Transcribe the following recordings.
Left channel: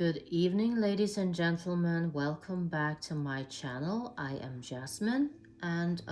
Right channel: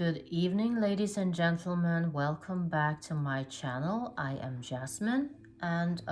Good evening, ladies and gentlemen. Welcome back to my channel. I am Jasmine, and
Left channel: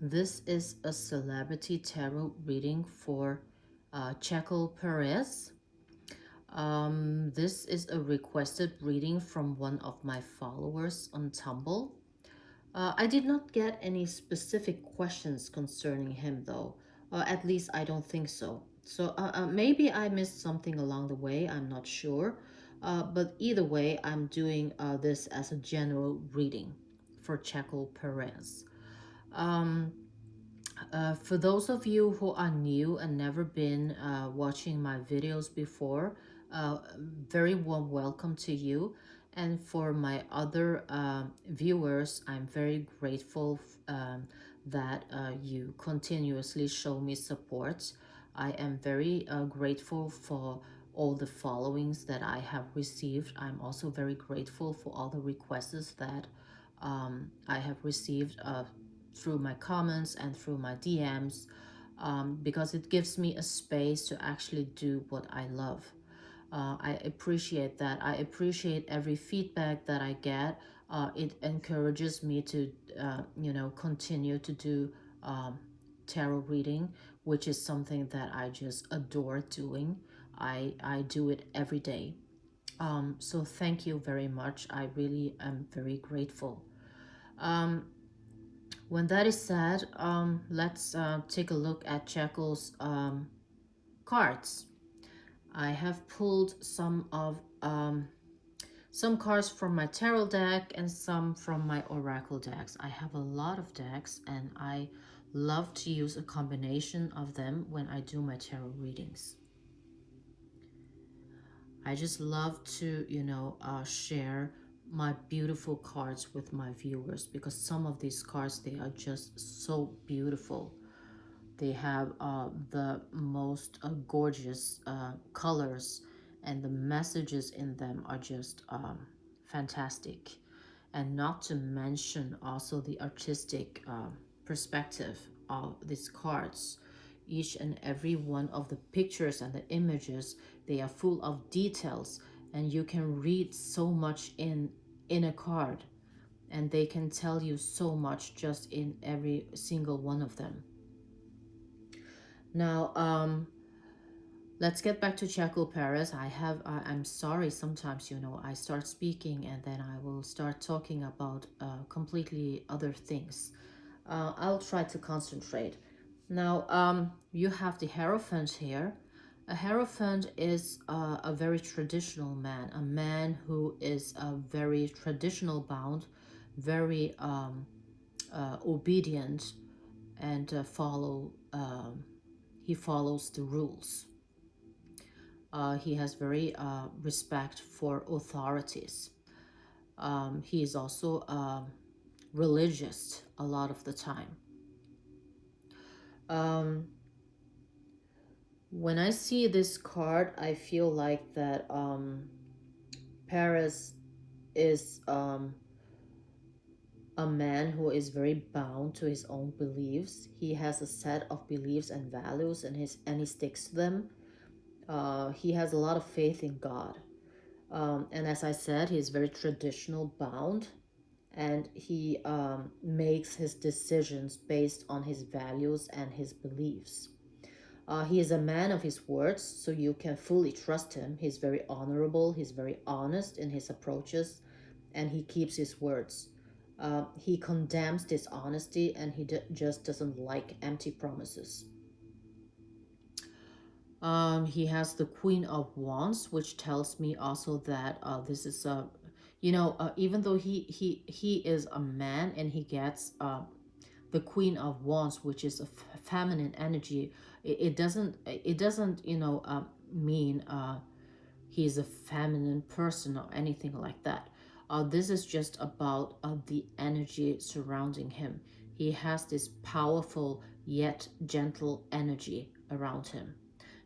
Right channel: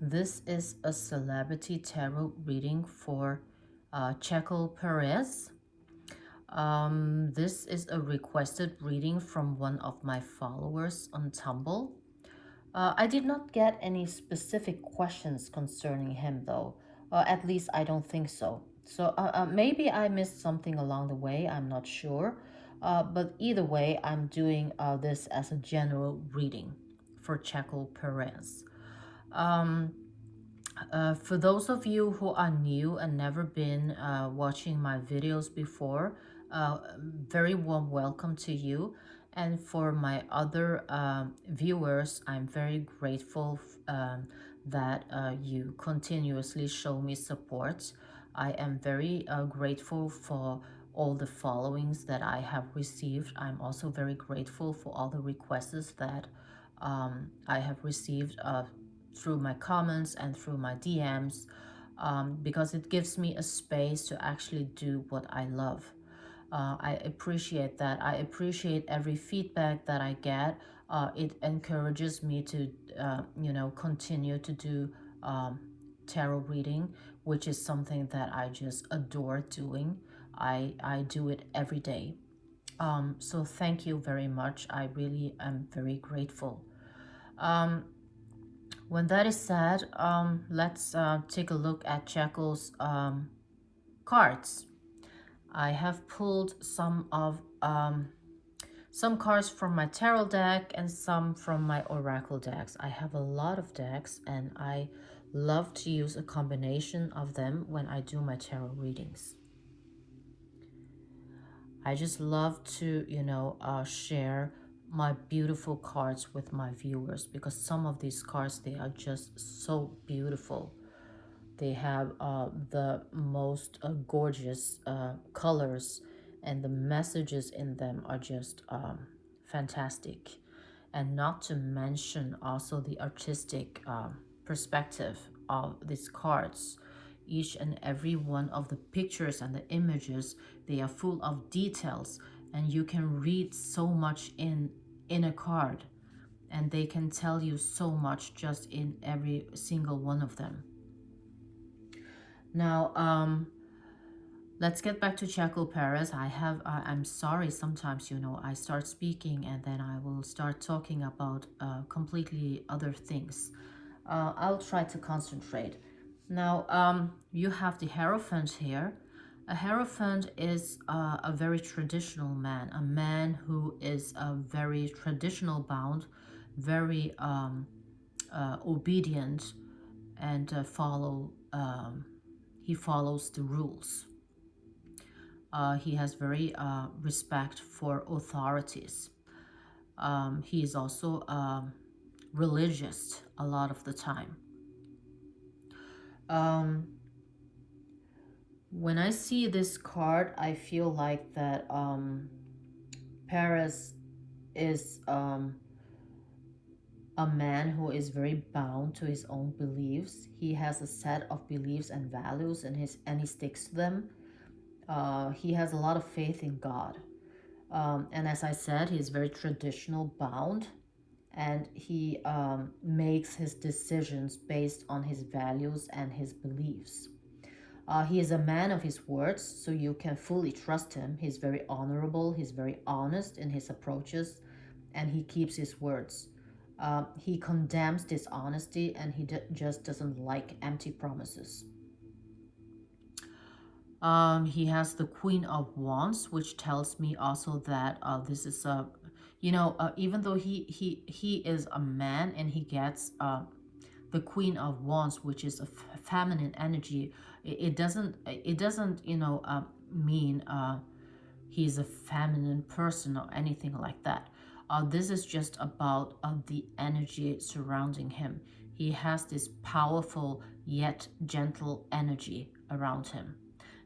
this is a celebrity tarot reading for Checo Perez. This is a requested reading from one of my followers on Tumblr. I did not get any specific questions concerning him, though. At least I don't think so. So maybe I missed something along the way. I'm not sure. But either way, I'm doing this as a general reading for Checo Perez. Um, for those of you who are new and never been watching my videos before, very warm welcome to you. And for my other viewers, I'm very grateful that you continuously show me support. I am very grateful for all the followings that I have received. I'm also very grateful for all the requests that I have received through my comments and through my DMs, because it gives me a space to actually do what I love. I appreciate that. I appreciate every feedback that I get. It encourages me to, continue to do tarot reading, which is something that I just adore doing. I do it every day. So thank you very much. I really am very grateful. When that is said, let's take a look at Checo's cards. I have pulled some cards from my tarot deck and some from my oracle decks. I have a lot of decks, and I love to use a combination of them when I do my tarot readings. I just love to, share my beautiful cards with my viewers, because some of these cards, they are just so beautiful. They have the most gorgeous colors, and the messages in them are just fantastic. And not to mention also the artistic perspective of these cards. Each and every one of the pictures and the images, they are full of details, and you can read so much in a card, and they can tell you so much just in every single one of them. Now, let's get back to Checo Perez. I'm sorry, sometimes, I start speaking and then I will start talking about completely other things. I'll try to concentrate. Now, you have the Hierophant here. A Hierophant is a very traditional man, a man who is very traditional bound, very obedient, and he follows the rules. He has very respect for authorities. He is also religious a lot of the time. When I see this card, I feel like that Perez is a man who is very bound to his own beliefs. He has a set of beliefs and values, and he sticks to them. He has a lot of faith in God. And as I said, he's very traditional bound, and he makes his decisions based on his values and his beliefs. He is a man of his words, so you can fully trust him. He's very honorable, he's very honest in his approaches, and he keeps his words. He condemns dishonesty, and he just doesn't like empty promises. He has the Queen of Wands, which tells me also that this is a, even though he is a man and he gets the Queen of Wands, which is a feminine energy, it doesn't mean he's a feminine person or anything like that. This is just about the energy surrounding him. He has this powerful yet gentle energy around him.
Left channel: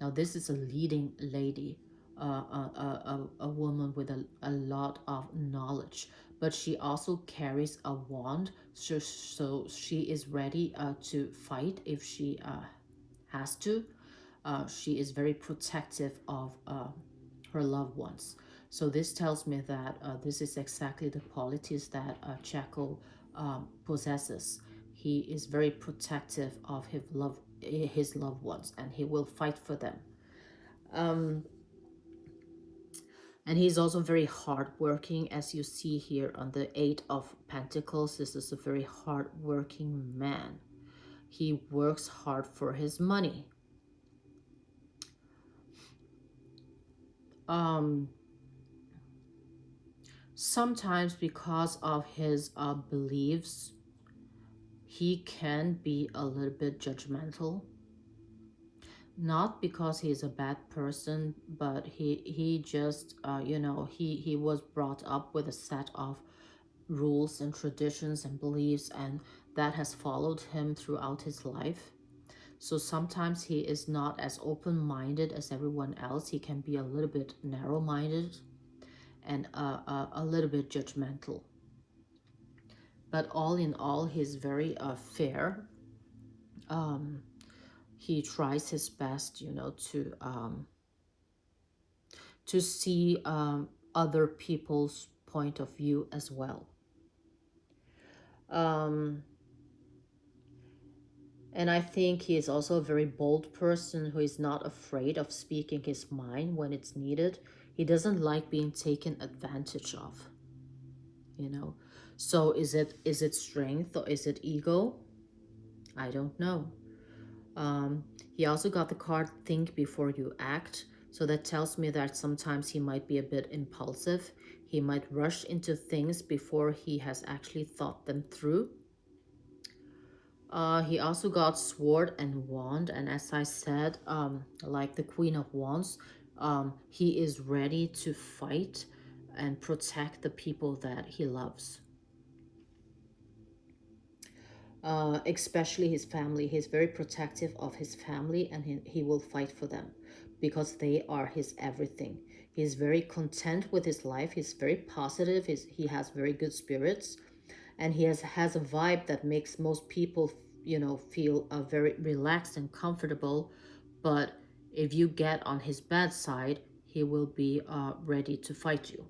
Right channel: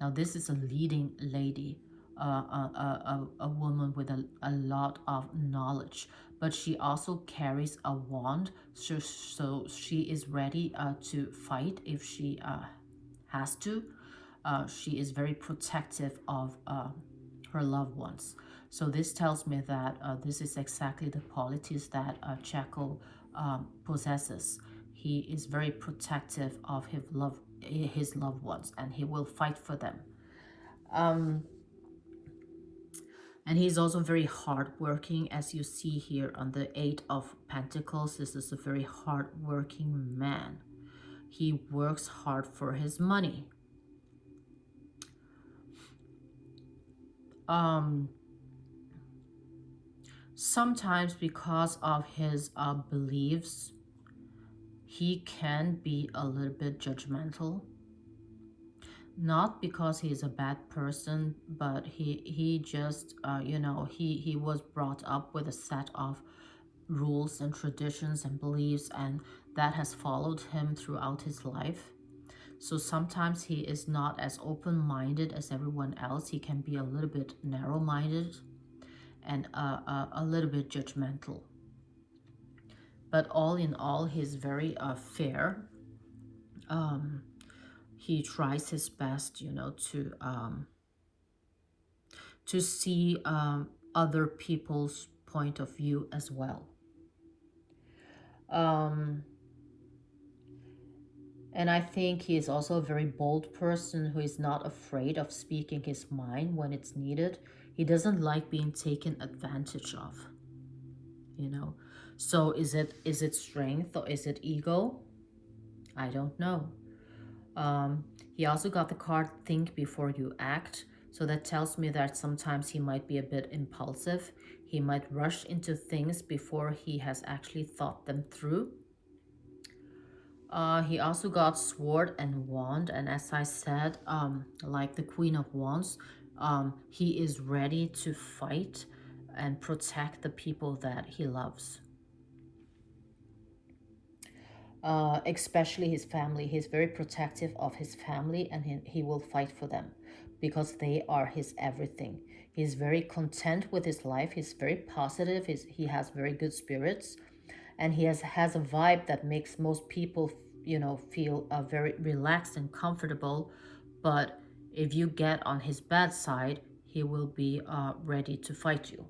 Now, this is a leading lady, a woman with a lot of knowledge, but she also carries a wand, so she is ready to fight if she has to. She is very protective of her loved ones. So this tells me that this is exactly the qualities that Checo possesses. He is very protective of his loved ones, and he will fight for them. Um, and he's also very hardworking, as you see here on the Eight of Pentacles. This is a very hardworking man. He works hard for his money. Um, Sometimes because of his beliefs, he can be a little bit judgmental. Not because he's a bad person, but he just he was brought up with a set of rules and traditions and beliefs, and that has followed him throughout his life. So sometimes he is not as open-minded as everyone else. He can be a little bit narrow-minded and a little bit judgmental. But all in all, he's very fair. He tries his best, to see other people's point of view as well. Um, and I think he is also a very bold person who is not afraid of speaking his mind when it's needed. He doesn't like being taken advantage of, you know. So is it strength or is it ego? I don't know. He also got the card think before you act. So that tells me that sometimes he might be a bit impulsive. He might rush into things before he has actually thought them through. He also got sword and wand. And as I said, like the Queen of Wands, he is ready to fight and protect the people that he loves. Especially his family. He's very protective of his family, and he will fight for them because they are his everything. He's very content with his life. He's very positive. He has very good spirits, and he has a vibe that makes most people, feel very relaxed and comfortable. But if you get on his bad side, he will be ready to fight you.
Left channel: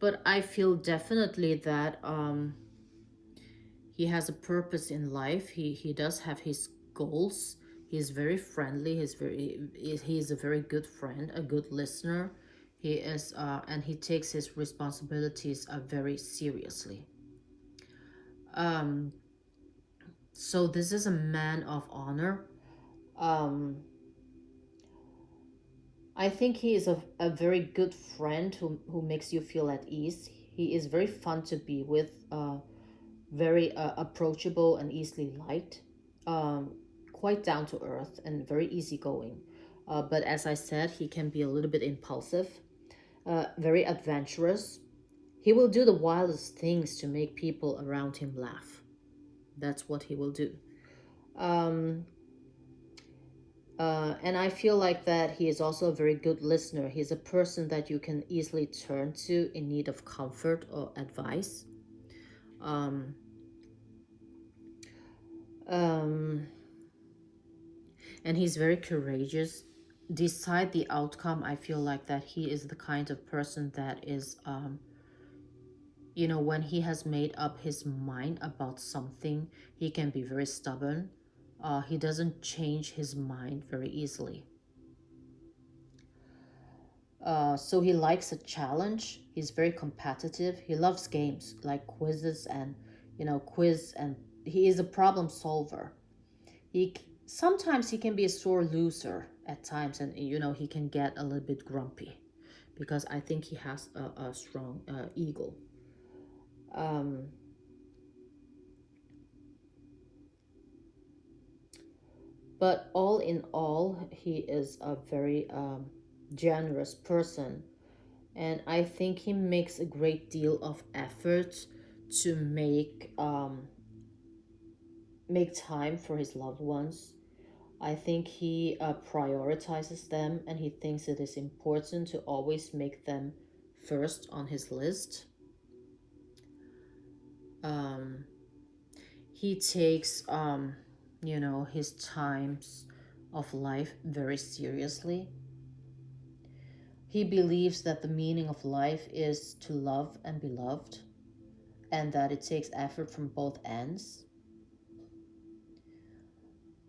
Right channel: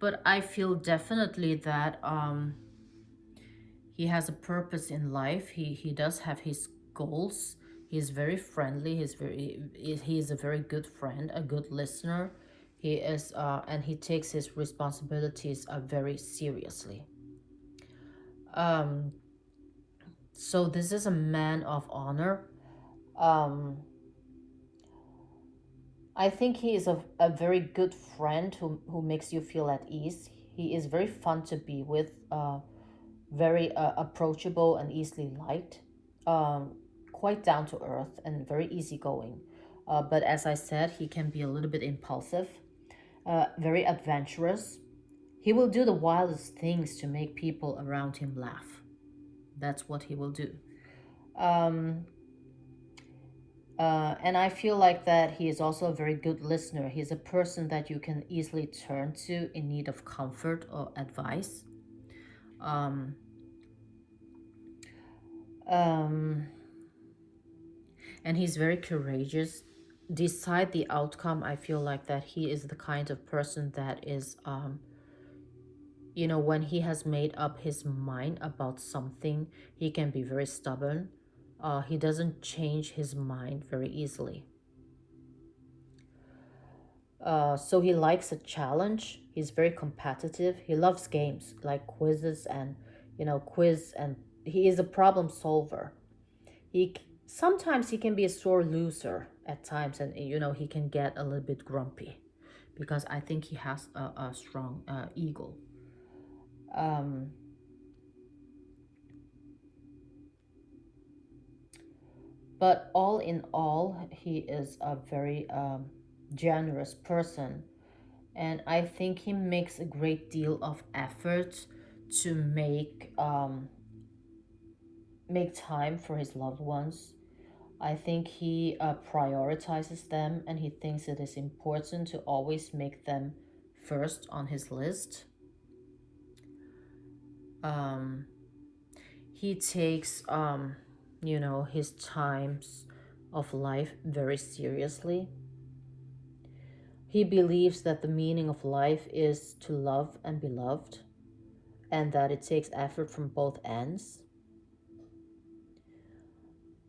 But I feel definitely that he has a purpose in life. He does have his goals. He's very friendly. He's a very good friend, a good listener. He is and he takes his responsibilities very seriously. Um, so this is a man of honor. Um, I think he is a very good friend who makes you feel at ease. He is very fun to be with. Very approachable and easily liked, um, quite down to earth and very easygoing. But as I said, he can be a little bit impulsive, very adventurous. He will do the wildest things to make people around him laugh. That's what he will do. Um, and I feel like that he is also a very good listener. He's a person that you can easily turn to in need of comfort or advice. Um, um, and he's very courageous. Decide the outcome. I feel like that he is the kind of person that is, when he has made up his mind about something, he can be very stubborn. He doesn't change his mind very easily. So he likes a challenge. He's very competitive. He loves games like quizzes and, quiz, and he is a problem solver. Sometimes he can be a sore loser at times, and he can get a little bit grumpy because I think he has a strong ego. Um, but all in all, he is a very generous person, and I think he makes a great deal of effort to make time for his loved ones. I think he prioritizes them, and he thinks it is important to always make them first on his list. He takes, his times of life very seriously. He believes that the meaning of life is to love and be loved, and that it takes effort from both ends.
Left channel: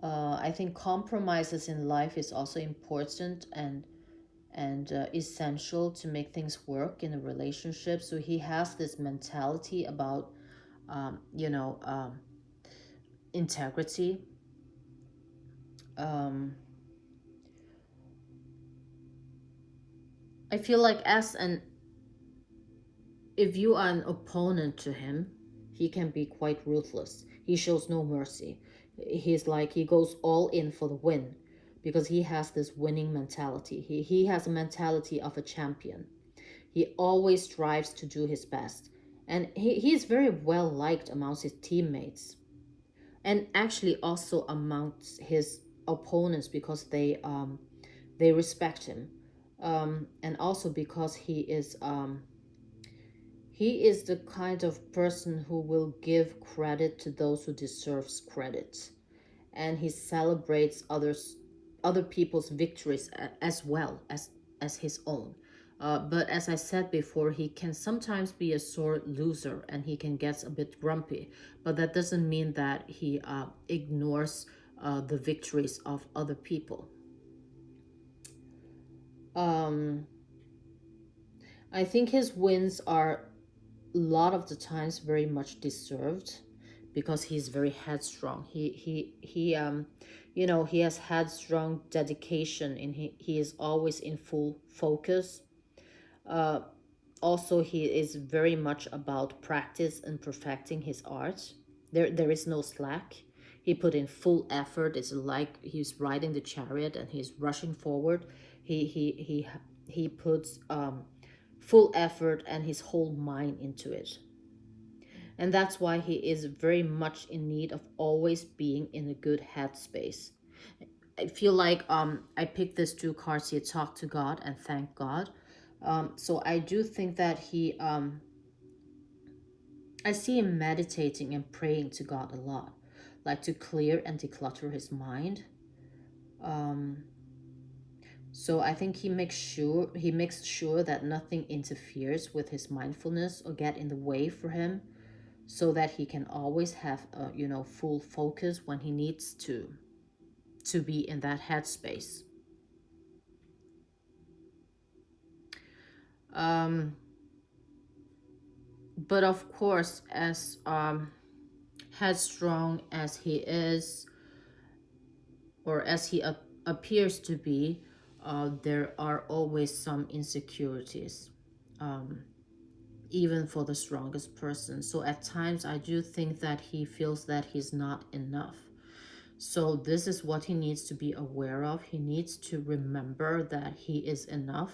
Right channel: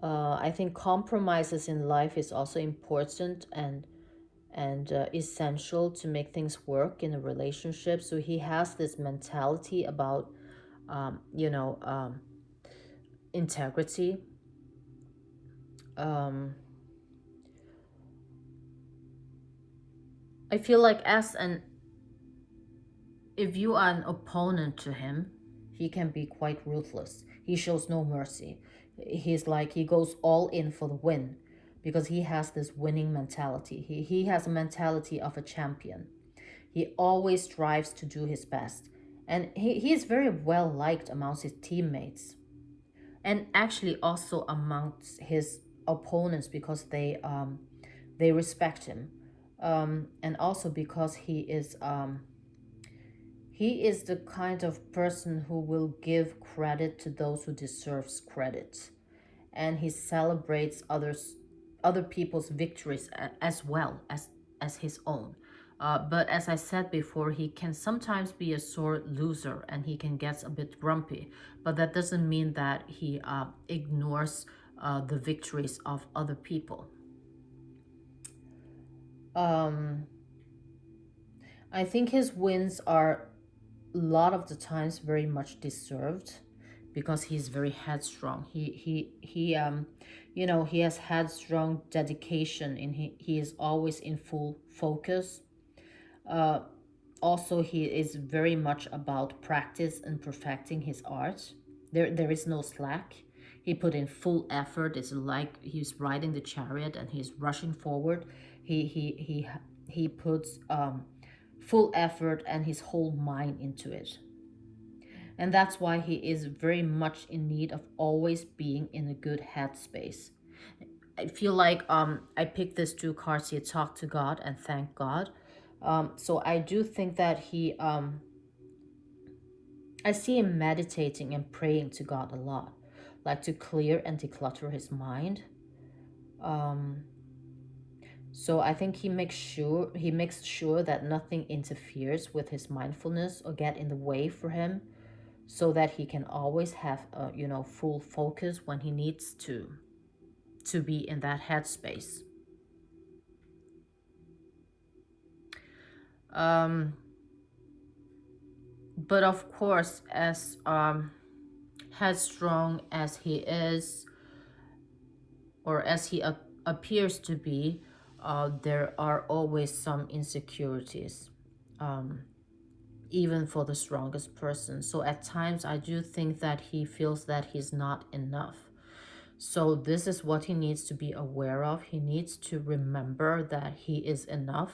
I think compromises in life is also important and essential to make things work in a relationship. So he has this mentality about, you know, integrity. Um, I feel like if you are an opponent to him, he can be quite ruthless. He shows no mercy. He's like, he goes all in for the win because he has this winning mentality. He has a mentality of a champion. He always strives to do his best. And he is very well liked amongst his teammates and actually also amongst his opponents because they respect him. And also because he is the kind of person who will give credit to those who deserves credit, and he celebrates other people's victories as well as his own. But as I said before, he can sometimes be a sore loser and he can get a bit grumpy. But that doesn't mean that he ignores the victories of other people. Um, I think his wins are a lot of the times very much deserved because he's very headstrong. He has headstrong dedication and he is always in full focus. Uh, Also, he is very much about practice and perfecting his art. There is no slack. He put in full effort. It's like he's riding the chariot and he's rushing forward. He puts full effort and his whole mind into it. And that's why he is very much in need of always being in a good headspace. I feel like I picked these two cards here, talk to God and thank God. So I do think that I see him meditating and praying to God a lot, like to clear and declutter his mind. Um, so I think he makes sure that nothing interferes with his mindfulness or get in the way for him, so that he can always have full focus when he needs to be in that headspace. Um, but of course, as headstrong as he is, or as he appears to be, there are always some insecurities, um, even for the strongest person. So at times, I do think that he feels that he's not enough. So this is what he needs to be aware of. He needs to remember that he is enough,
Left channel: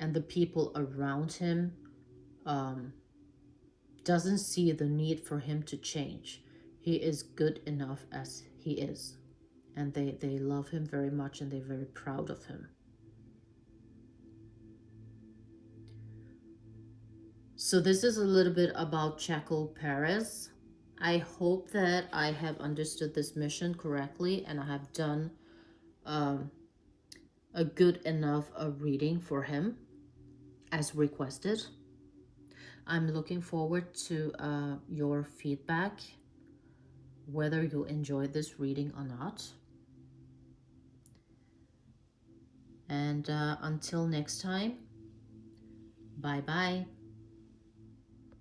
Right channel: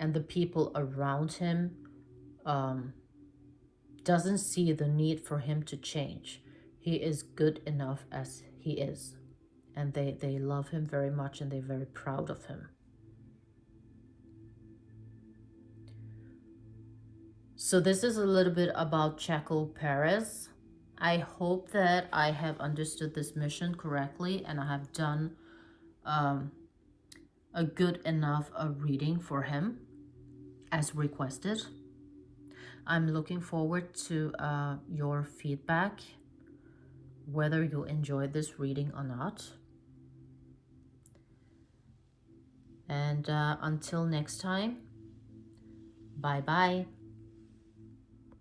and the people around him um, doesn't see the need for him to change. He is good enough as he is, and they love him very much and they're very proud of him. So this is a little bit about Checo Perez. I hope that I have understood this mission correctly and I have done um, a good enough reading for him as requested. I'm looking forward to your feedback, whether you enjoyed this reading or not. And until next time, bye bye.